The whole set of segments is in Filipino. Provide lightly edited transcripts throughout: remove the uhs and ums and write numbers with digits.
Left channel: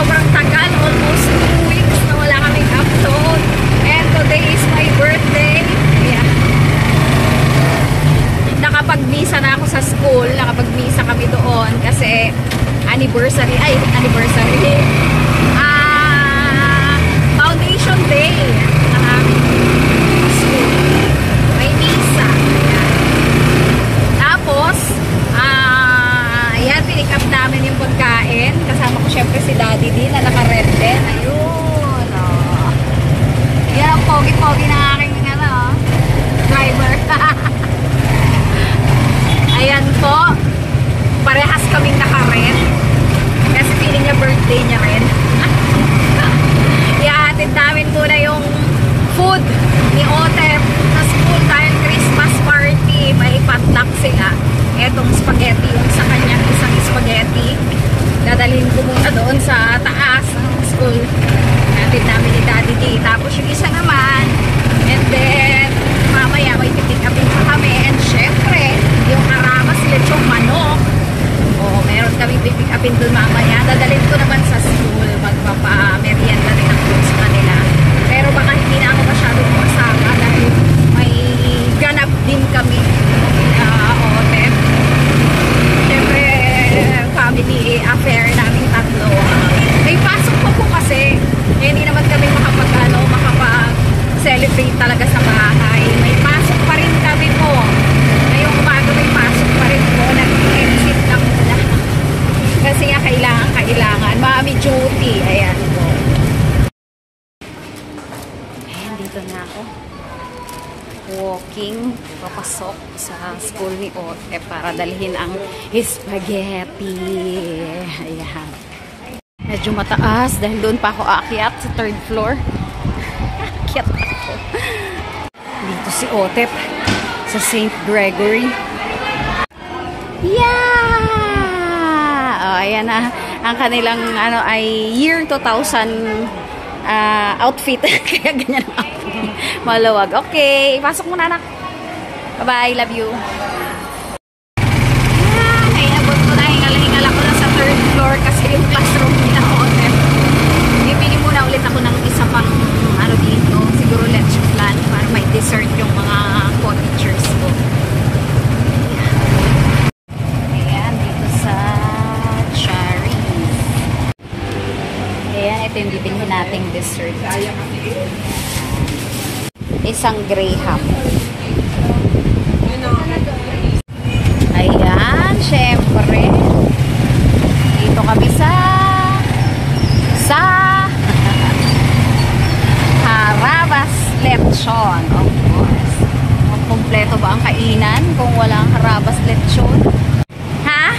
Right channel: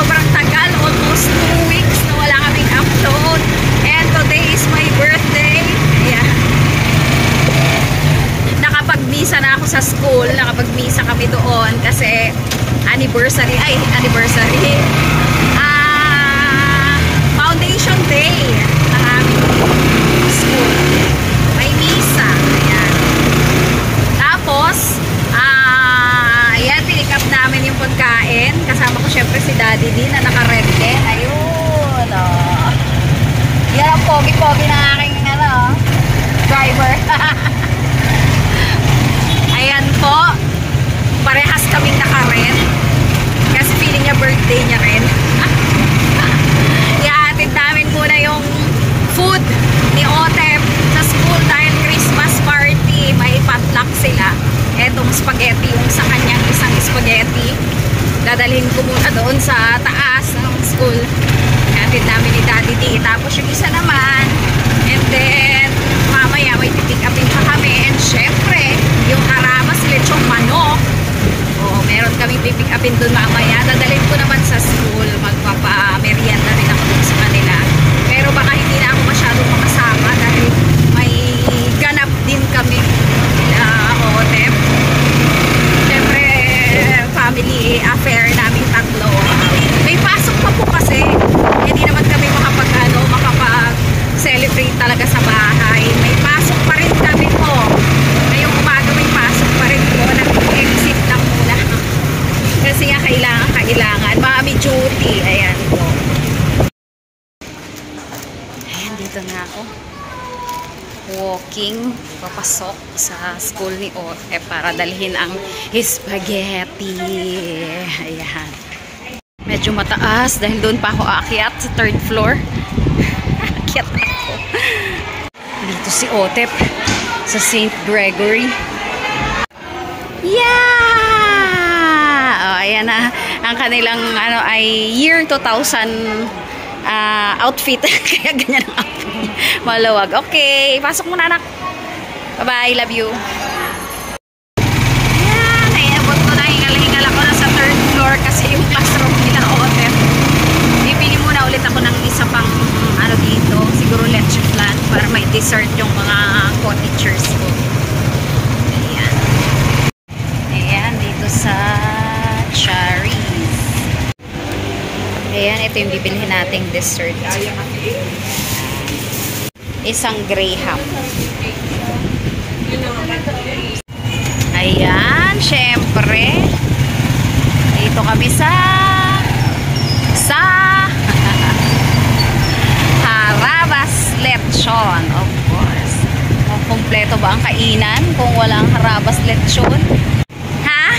sobrang tagal, almost 2 weeks na wala kaming upload. And today is my birthday. Ayan. Nakapag-misa na ako sa school. Nakapag-misa kami doon kasi anniversary. Foundation day ng aming school. May misa. Ayan. Tapos, ayan, pinick up namin yung pagkain. Kasama ko syempre si Daddy din na naka-red din. Ayun. Oh. Yan ang pogi-pogi ng aking driver. Ayan po. Parehas kaming naka-red. Kasi feeling niya birthday niya rin. Ihahatid namin muna yung food ni Otep sa school dahil Christmas party. May potluck sila. Etong spaghetti, yung sa kanyang isang spaghetti. Dadalhin ko muna doon sa taas ng school. Ihahatid namin ni Daddy D. Tapos yung isa naman. And then, mamaya may pipick upin pa kami. And syempre, yung harabas lechong manok. Oo, meron kami pipick upin doon mamaya. Dadalhin ko naman sa school. Magpapa-merienda rin ako sa kanila. Pero baka hindi na ako masyadong makasama dahil may ganap din kami nila Otep. Syempre, family affair naming tatlo. May pasok pa po kasi. Hindi naman kami makapag-celebrate talaga sa bahay. May pasok pa rin kami po. Ngayong umaga may pasok pa rin po. Nag-exit lang muna. Kasi nga kailangan. Mommy duty. Ayan po. Ayan, dito na ako. Walking. Papasok sa school ni Otep para dalhin ang spaghetti. Ayan. Medyo mataas dahil doon pa ako aakyat sa 3rd floor. Aakyat ako. Dito si Otep sa St. Gregory. Yeah! Oh, ayan na. Ang kanilang ay year 2000 outfit. Kaya ganyan ang outfit. Maluwag. Okay. Pasok muna, anak. Bye-bye. Love you. Yan. Naiabot ko na. Hingal ako na sa 3rd floor kasi yung classroom nila Otep. Bibili muna ulit ako ng isa pang dito. Siguro lunch plan para may dessert yung mga co-teachers ko. Ayan. Ayan. Dito sa Cherries. Ayan. Ito yung bibilihin nating dessert. Isang Graham. Ayan, syempre. Dito kami sa Harabas Lechon, of course. Kompleto ba ang kainan kung walang Harabas Lechon? Ha?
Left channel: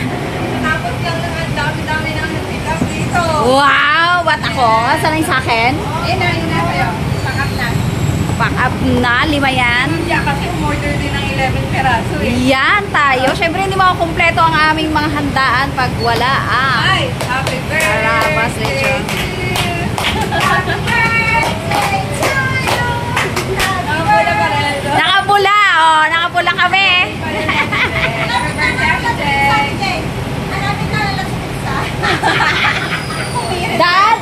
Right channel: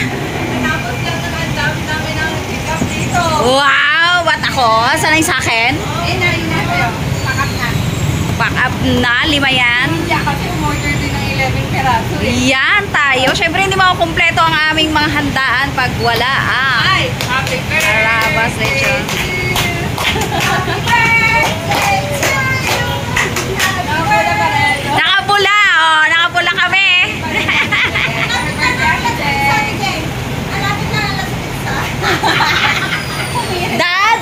Natapos lang naman, dami-dami ng pick-up dito. Wow! Ba't ako? Saan yung sa akin? Ina. Pack up na, 5 yan. Hindi kasi umorder din ng 11 peraso eh. Yan tayo. Siyempre hindi makukumpleto ang aming mga handaan pag wala Ay, happy birthday! Harabas Lechon. Happy birthday to you! Nakapula pa rin. Nakapula, oh. Nakapula kami. Dad!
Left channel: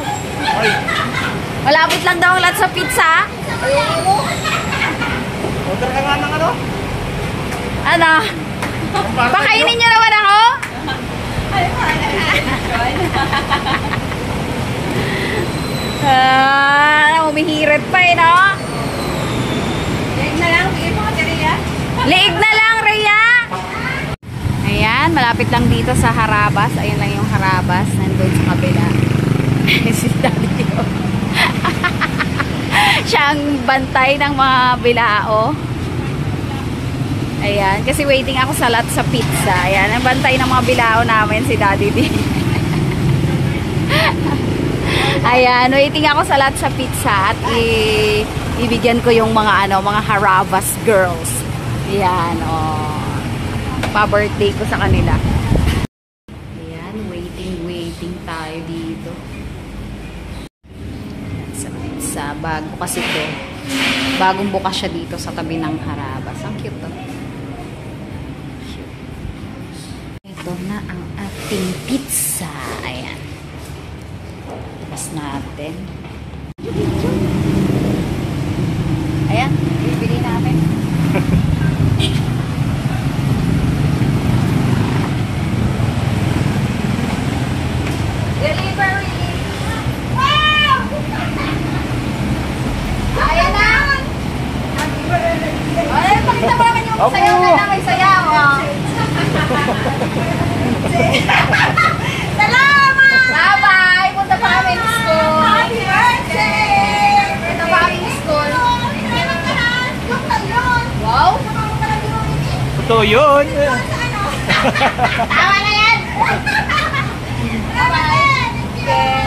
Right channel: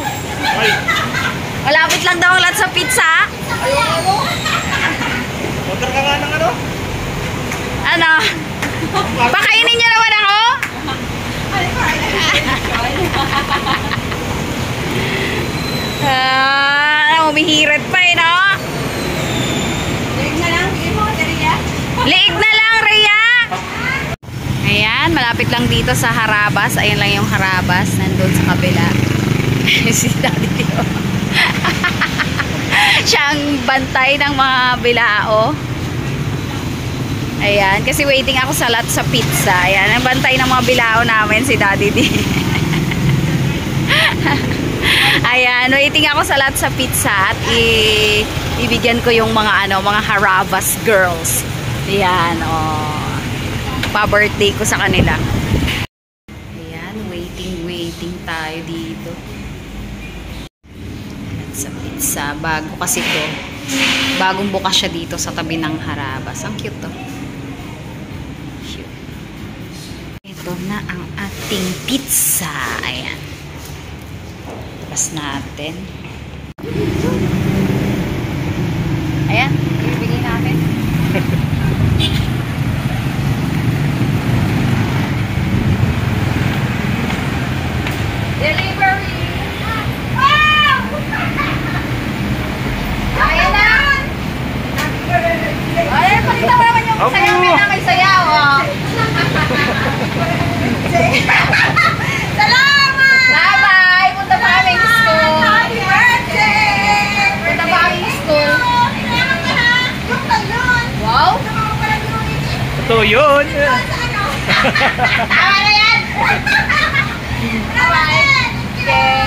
Malapit lang daw ang lahat sa pizza. Order ka nga ng Ano? Pakainin niyo naman ako? Umihirit pa eh, no? Liig na lang, bigay mo ka, Rhea. Liig na lang, Rhea! Ayan, malapit lang dito sa Harabas. Ayan lang yung Harabas. Nandun sa kabila. Si Daddy Dio. Siya ang bantay ng mga bilao. Ayan, kasi waiting ako sa lot sa pizza. Ayan, ang bantay ng mga bilao namin si Daddy D. Ayan, waiting ako sa lot sa pizza at ibigyan ko yung mga mga Harabas girls. Ayan, oh. Pa-birthday ko sa kanila. Ayan, waiting tayo dito. Sa pizza, bago kasi to. Bagong bukas siya dito sa tabi ng Harabas. Ang cute to. Cute. Ito na ang ating pizza. Ayan. breakfast natin. Ayan, bibili namin. Delivery! Ayan na! Ayan, pakita mo naman yung sayaw na may sayaw. Salamat! Bye-bye! Punta pa kami ng school. Happy birthday! Punta pa kami ng school. Wow! Totoo yun! Tama na yan! Bye-bye! Okay.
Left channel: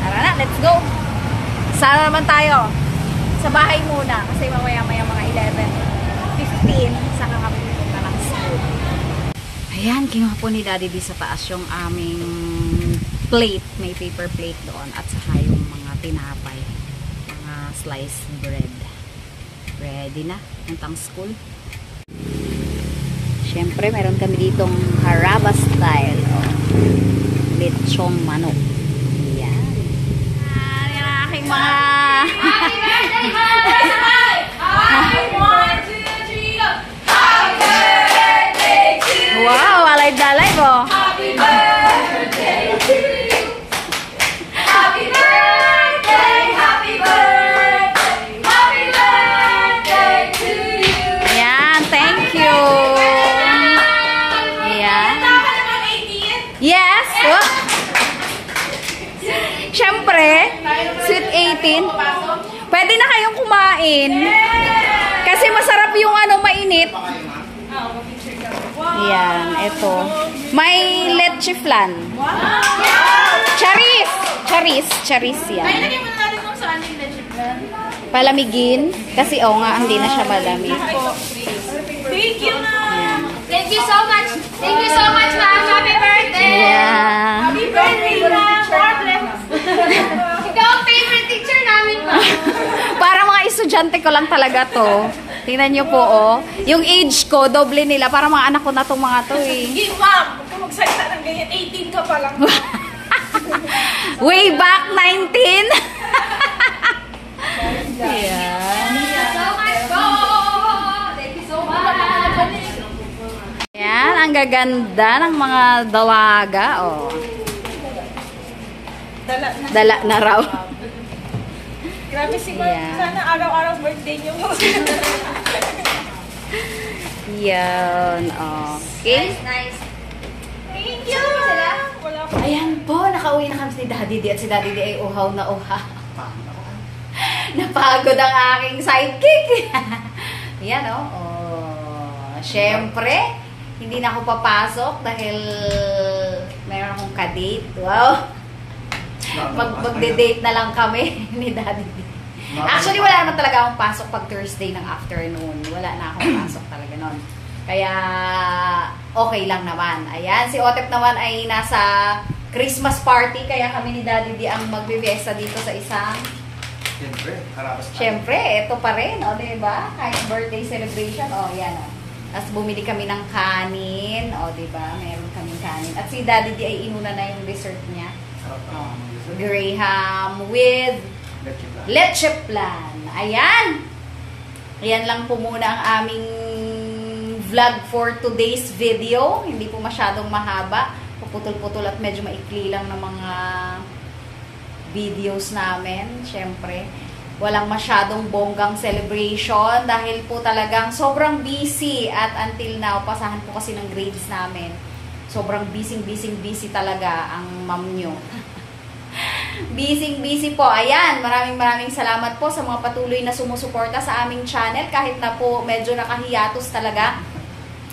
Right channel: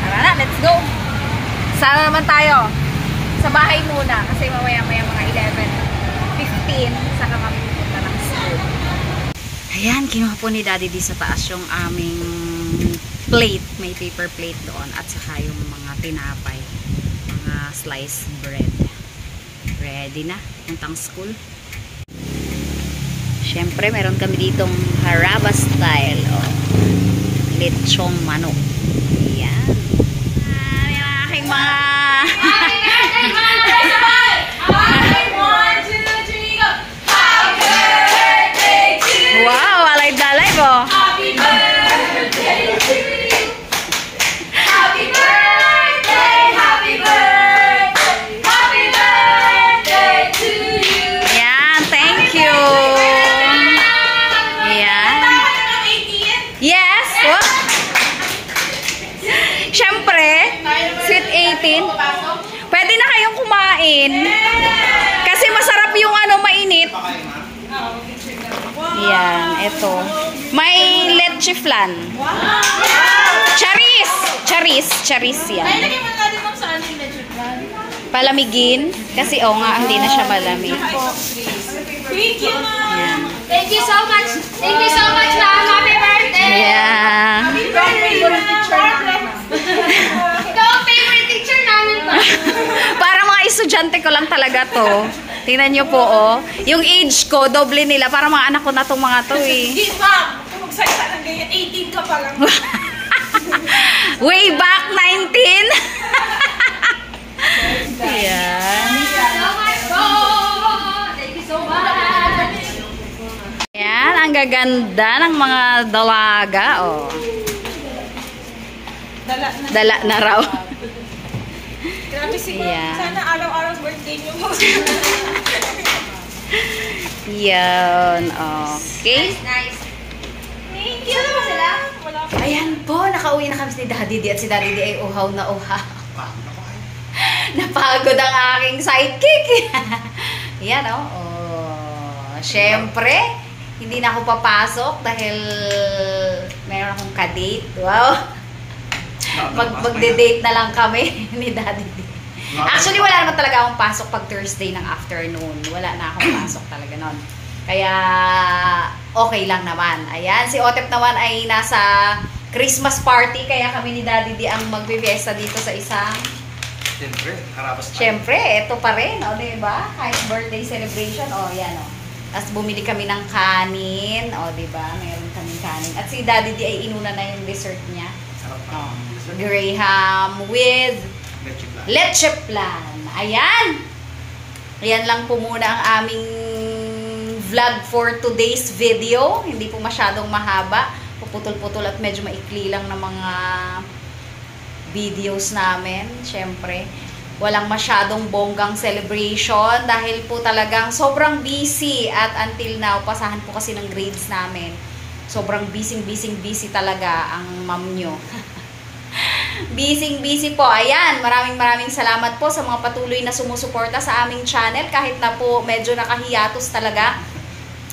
Tara na, let's go! Saan naman tayo? Sa bahay muna kasi mamaya-maya mga 11:15 saka kami pupunta ng school. Ayan, kinuha po ni Daddy di sa taas yung aming plate. May paper plate doon at saka yung mga tinapay. Mga sliced bread. Ready na, puntang school. Siyempre, meron kami ditong haraba style. Oh. Lechong manok. Ayan. Yung aking mga... Wow, alay-dalay po. Happy birthday to you. Happy birthday, happy birthday, happy birthday to you. Ayan, thank you. Ayan. Yes. What? Siyempre, sweet 18. Pwede na kayong kumain. Kasi masarap yung ano, mainit. Yan, ito. May leche flan. Charis! Charis. Charis yan. Palamigin. Kasi nga, hindi na siya malamig. Thank you, ma'am. Yan. Thank you so much. Thank you so much, ma'am. Happy birthday. Yeah. Happy birthday, ma'am. Ikaw ang favorite teacher namin, ma'am. Para mga estudyante ko lang talaga to. Tingnan nyo po, oh. Yung age ko, doble nila. Para mga anak ko na tong mga to, eh. Hindi, ma'am. Kung magsalita ng ganyan, 18 ka pa lang. Way back 19. Ayan. Thank you so much po. Thank you so much. Ayan, ang gaganda ng mga dalaga, oh. Dala na raw. Grabe si ma'am. Yeah. Sana araw-araw birthday niyo po. Yan, okay. Nice. Thank you. Wala po. Ayan po, nakauwi na kami si Daddy D at si Daddy D ay uhaw na uhaw. Napagod ang aking sidekick. Ayan, oh. Siyempre, hindi na ako papasok dahil meron akong ka-date. Wow. Magde-date na lang kami ni Daddy D. Actually, wala naman talaga akong pasok pag Thursday ng afternoon. Wala na akong pasok talaga nun. Kaya, okay lang naman. Ayan, si Otep naman ay nasa Christmas party. Kaya kami ni Daddy D ang magbe-fiesta dito sa isang... Siyempre, harabas tayo. Siyempre, ito pa rin. O, diba? Kahit birthday celebration. O, yan o. Tapos bumili kami ng kanin. O, diba? Meron kaming kanin. At si Daddy D ay inuna na yung dessert niya. Sarap pa. Graham with leche flan. Ayan. Ayan lang po muna ang aming vlog for today's video. Hindi po masyadong mahaba. Puputol-putol at medyo maikli lang ng mga videos namin. Siyempre, walang masyadong bonggang celebration dahil po talagang sobrang busy at until now, pasahan po kasi ng grades namin. Sobrang busy talaga ang ma'am nyo. Busy po. Ayan, maraming salamat po sa mga patuloy na sumusuporta sa aming channel kahit na po medyo nakahiatus talaga.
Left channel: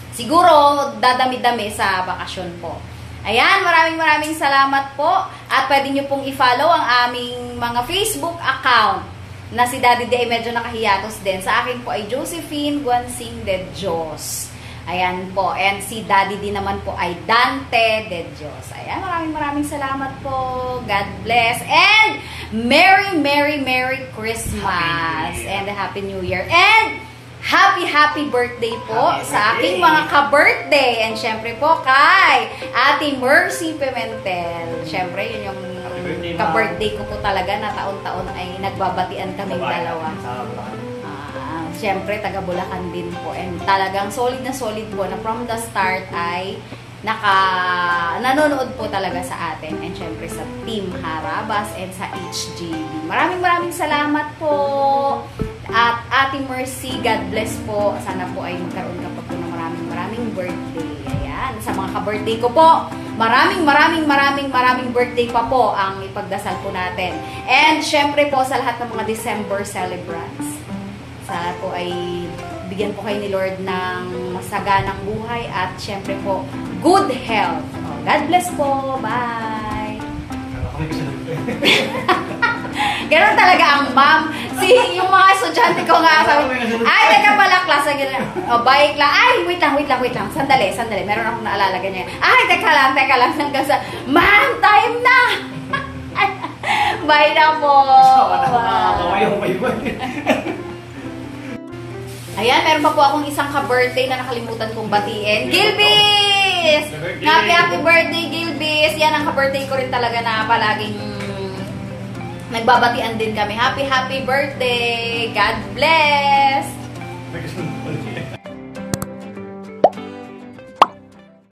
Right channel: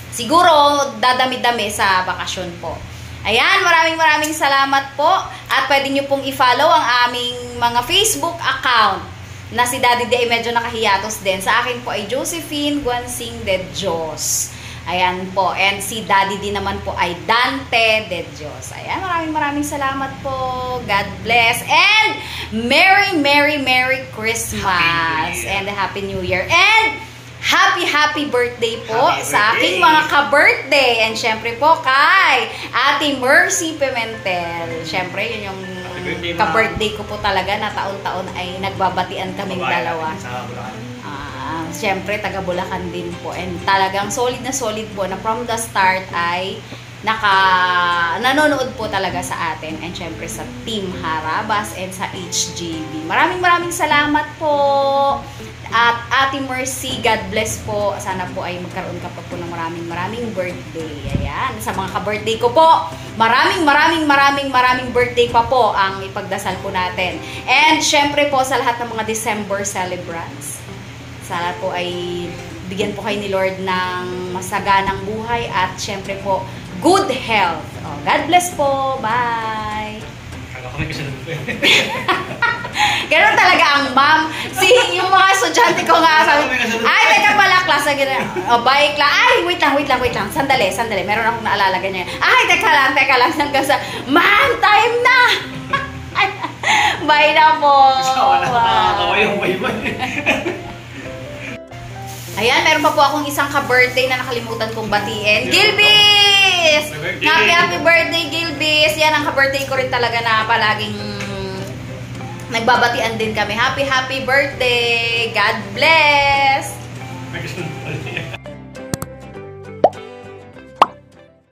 Siguro dadami-dami sa bakasyon po. Ayan, maraming salamat po at pwede nyo pong i-follow ang aming mga Facebook account na si Daddy D ay medyo nakahiatus din. Sa akin po ay Josephine Guansing de Dios. Ayan po. And si Daddy D naman po ay Dante de Dios. Ayan, maraming salamat po. God bless. And Merry Christmas. And Happy New Year. And happy birthday po Happy sa aking birthday. mga ka-birthday. And syempre po kay Ate Mercy Pimentel. Syempre, yun yung birthday, ka-birthday ko po talaga na taon-taon ay nagbabatian kaming dalawa. Sa Bulacan. Syempre, taga Bulacan din po. And talagang solid na solid po na from the start ay nanonood po talaga sa atin. And syempre sa Team Harabas and sa HJB. Maraming salamat po. At Ate Mercy, God bless po. Sana po ay magkaroon ka pa po ng maraming birthday. Ayan. Sa mga ka-birthday ko po, maraming birthday pa po ang ipagdasal po natin. And syempre po sa lahat ng mga December celebrants, sana po ay bigyan po kayo ni Lord ng masaganang buhay at syempre po, good health. God bless po. Bye! Ganon talaga ang ma'am. Yung mga estudyante ko nga sabi, ay, teka pala, klase ganyan. Bye, class. Ay, wait lang. Sandali. Meron akong naalala ganyan. Ay, teka lang. Hanggang sa, ma'am, time na! Bye na po. Ayan, meron pa po akong isang ka-birthday na nakalimutan kong batiin. Gilbis! Happy birthday, Gilbis! Yan ang ka-birthday ko rin talaga na palaging nagbabatian din kami. Happy birthday! God bless!